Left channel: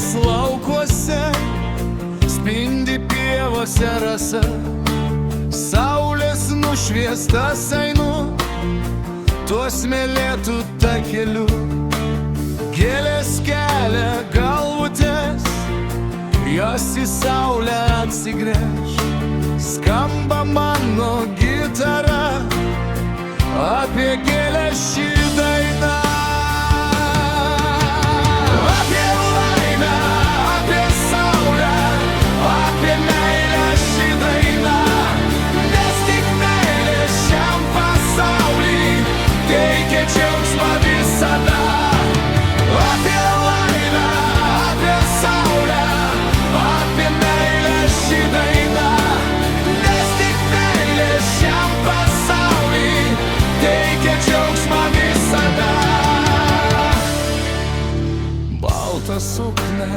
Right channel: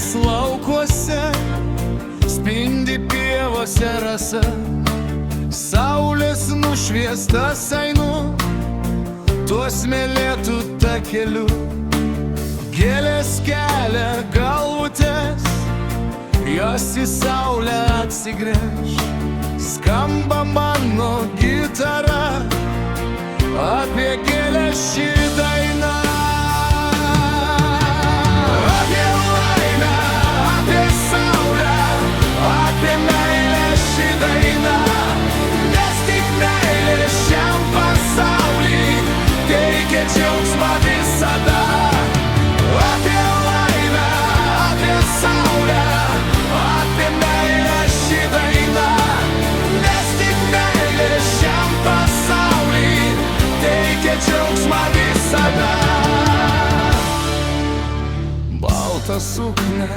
Saulės laukuose spindi pievose rasa, saulės nušviestas einu tuo smėlėtų takeliu. Gėlės kelia galvutes, jos į saulę atsigręš. Skamba mano gitara, apie gėlę ši daina. Apie laimę, apie saulę, apie meilę ši daina. Nes tik meilė šiam pasauly teikia džiaugsmą visada. Apie laimę, apie saulę, apie meilę ši daina. Nes tik meilė šiam pasauly teikia džiaugsmą visada. Baltą suknę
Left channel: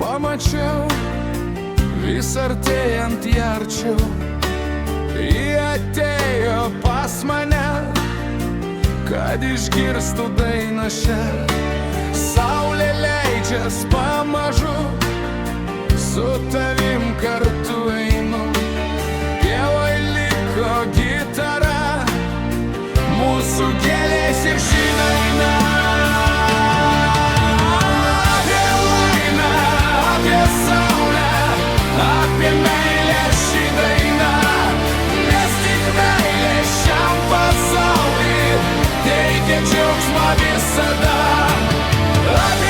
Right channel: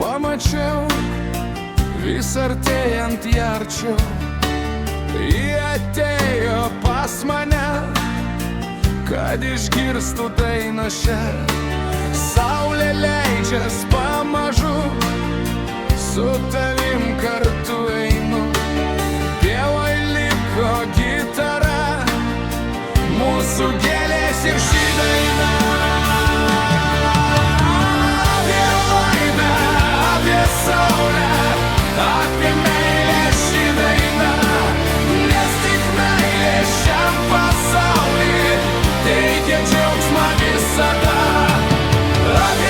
pamačiau, vis artėjant ją arčiau. Ji atėjo pas mane, kad išgirstų dainą šią. Saulė leidžias pamažu, su tavim kartu einu. Pievoj liko gitara, mūsų gėlės ir ši daina. Apie laimę, apie saulę, apie meilę ši daina. Nes tik meilė šiam pasauly teikia džiaugsmą visada. Apie